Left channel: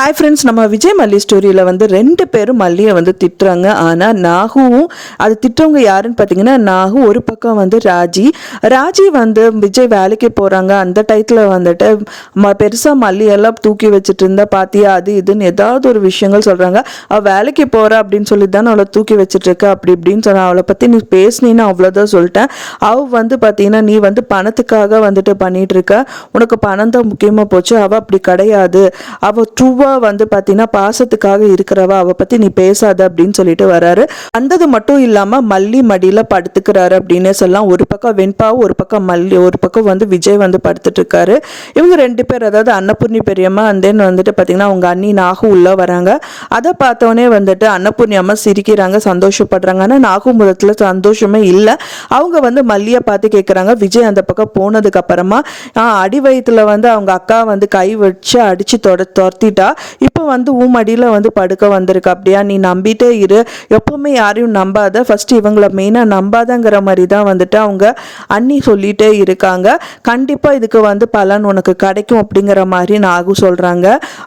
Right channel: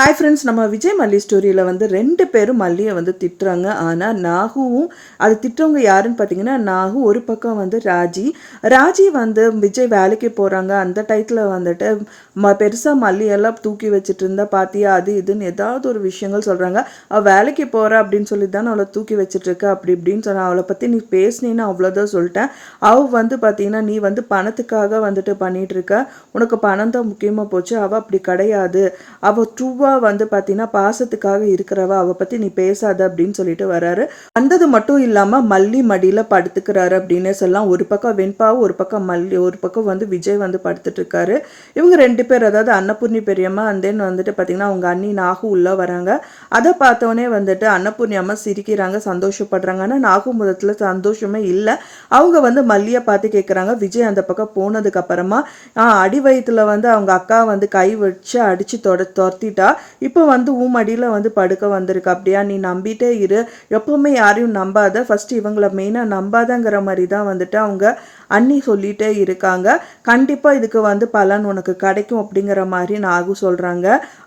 Hi friends, நம்ம விஜய் மல்லி ஸ்டோரியில் வந்து 2 பேரும் மல்லியை வந்து திட்டுறாங்க. ஆனால் நாகுவும் அது திட்டுறவங்க யாருன்னு பார்த்தீங்கன்னா, நாகு ஒரு பக்கம் வந்து ராஜி வந்து விஜய் வேலைக்கு போகிறாங்க. அந்த டயத்தில் வந்துட்டு பெருசாக மல்லியெல்லாம் தூக்கி வச்சுட்டு இருந்தா பாத்தியா, அது இதுன்னு ஏதாவது ஒரு விஷயங்கள் சொல்கிறாங்க. அவள் வேலைக்கு போகிறா அப்படின்னு சொல்லி தானே அவளை தூக்கி வச்சுட்டு இருக்க அப்படி இப்படின்னு சொன்ன. அவளை பற்றி நீ பேசினீன்னு அவ்வளோதான் சொல்லிட்டேன். அவள் வந்து பார்த்தீங்கன்னா, நீ வந்து பணத்துக்காக வந்துட்டு பண்ணிட்டு இருக்க, உனக்கு பணம் தான் முக்கியமாக போச்சு. அவள் அப்படி கிடையாது, அவள் ட்ரூவா வந்து பாத்தீங்கன்னா பாசத்துக்காக இருக்கிறவா, அவ பத்தி நீ பேசாத அப்படின்னு சொல்லிட்டு வராரு. வந்தது மட்டும் இல்லாம மல்லி மடியில படுத்துக்கிறாரு அப்படின்னு சொல்லலாம். ஒரு பக்கம் வெண்பாவும் ஒரு பக்கம் மல்லி, ஒரு பக்கம் வந்து விஜய் வந்து படுத்துட்டு இருக்காரு. இவங்க 2 பேர், அதாவது அன்னபூர்ணி பெரியம்மா அண்ட் தென் வந்துட்டு பாத்தீங்கன்னா அவங்க அண்ணி நாகு உள்ள வராங்க. அதை பார்த்தோன்னே வந்துட்டு அன்னபூர்ணி அம்மா சிரிக்கிறாங்க, சந்தோஷப்படுறாங்க. ஆனா நாகு முதத்துல சந்தோஷமே இல்லை. அவங்க வந்து மல்லியை பார்த்து கேட்குறாங்க. விஜய் அந்த பக்கம் போனதுக்கு அப்புறமா அடி வயிற்றுல வந்து அவங்க அக்கா வந்து கை வச்சு அடிச்சு துரத்திட்டா, இப்போ வந்து மடியில் வந்து படுக்க வந்திருக்க, அப்படியா, நீ நம்பிட்டே இரு, எப்பவுமே யாரையும் நம்பாத, ஃபர்ஸ்ட் இவங்களை மெயினாக நம்பாதங்கிற மாதிரி தான் வந்துட்டு அவங்க அண்ணி சொல்லிட்டே இருக்காங்க. கண்டிப்பாக இதுக்கு வந்து பலன் உனக்கு கிடைக்கும் அப்படிங்கிற மாதிரி நாகு சொல்கிறாங்க.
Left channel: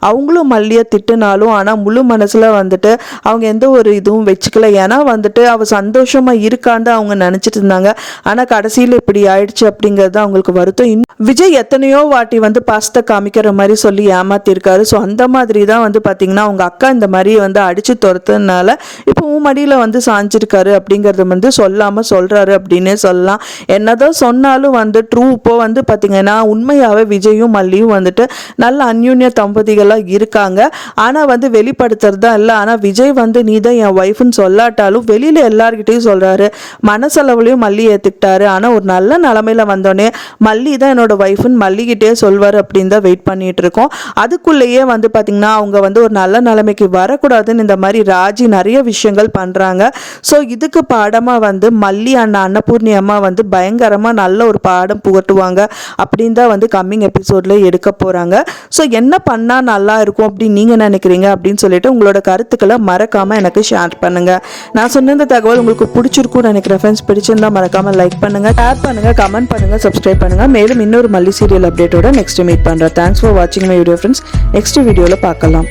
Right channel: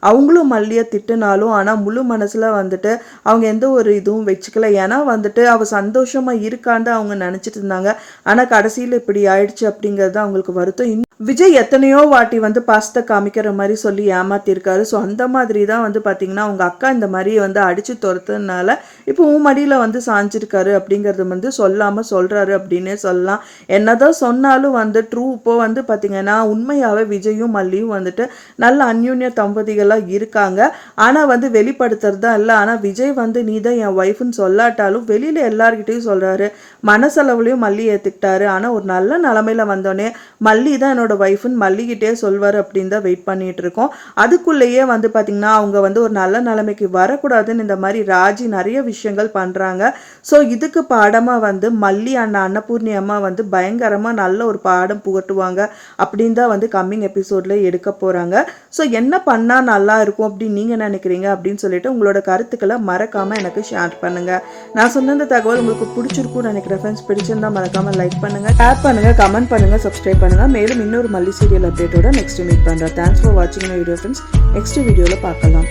அவங்களும் மல்லியை திட்டுனாலும் ஆனால் முழு மனசில் வந்துட்டு அவங்க எந்த ஒரு இதுவும் வச்சுக்கல. ஏன்னா வந்துட்டு அவள் சந்தோஷமாக இருக்கான்னு அவங்க நினச்சிட்டு இருந்தாங்க. ஆனால் கடைசியில் இப்படி ஆயிடுச்சு அப்படிங்கிறது அவங்களுக்கு வருத்தம். விஜய் எத்தனையோ வாட்டி வந்து பாசத்தை காமிக்கிற மாதிரி சொல்லி ஏமாத்திருக்காரு. ஸோ அந்த மாதிரி தான் வந்து பார்த்தீங்கன்னா அவங்க அக்கா இந்த மாதிரி வந்து அடிச்சு துரத்துனால இப்போ மடியில் வந்து சாஞ்சிருக்காரு அப்படிங்கிறது வந்து சொல்லாமல் சொல்கிறாரு அப்படின்னே சொல்லலாம். என்னதான் சொன்னாலும் வந்து ட்ரூ இப்போ வந்து பார்த்தீங்கன்னா உண்மையாகவே விஜயும் மல்லியும் வந்துட்டு நல்ல அந்யூன்ய தம்பதிகளாக இருக்காங்க. ஆனால் வந்து வெளிப்படுத்துறது தான் இல்லை. ஆனால் விஜய் வந்து நீ தான் என் ஒய்ஃப்னு சொல்லாட்டாலும் வெளியில் எல்லார்கிட்டையும் சொல்கிறாரு. மனசளவுலையும் மல்லி ஏற்றுக்கிட்டாரு. ஆனால் ஒரு நல்ல நிலமையில வந்தோடனே மல்லி தான் என்னோட ஒய்ஃப்னு மல்லிகிட்டே சொல்வார் அப்படின்னு தான் வெயிட் பண்ணிட்டு இருக்கோம். அதுக்குள்ளேயே வந்து பார்த்தீங்கன்னா அவங்க வந்து ஒரு நல்ல நிலைமைக்கு வரக்கூடாதுன்னு இந்த மாதிரி ராஜி நிறைய விஷயங்கள் பண்ணுறாங்க. ஸோ இதுக்கு பாடமாக வந்து மல்லி அன்னபூர்ணி அம்மா வந்து பயங்கரமாக நல்ல ஒரு பாடம் புகட்டுவாங்க அப்படின்னு தான் வந்து கம்மிங் எபிசோட்ல எடுக்க போகிறாங்க. ஸோ என்ன பண்ணால் நல்லா இருக்கும் அப்படின்னு நீங்கள் நினைக்கிறீங்க அப்படின்னு சொல்லிட்டு உங்களோட கருத்துக்களை மறக்காமல் எனக்கு ஷேர் பண்ணுங்கள். நான் சொன்ன இந்த தகவல் உங்களுக்கு பிடிச்சிருக்கும்னு நினைக்கிறேன். ஃப்ரெண்ட்ஸ் பிடிச்சிருந்தா மறக்காமல் லைக் பண்ணுங்கள், ஷேர் பண்ணுங்கள், கமெண்ட் பண்ணுங்கள், சப்ஸ்கிரைப் பண்ணுங்கள். மேலும் இன்னொரு மல்லி சீரியல் அப்டேட்டோட நெக்ஸ்ட் மீட் பண்ணுறேன். தேங்க்ஸ் ஃபார் வாட்சிங் மை வீடியோ ஃப்ரெண்ட்ஸ். நெக்ஸ்ட் வீடியோவில் பார்க்கலாம்.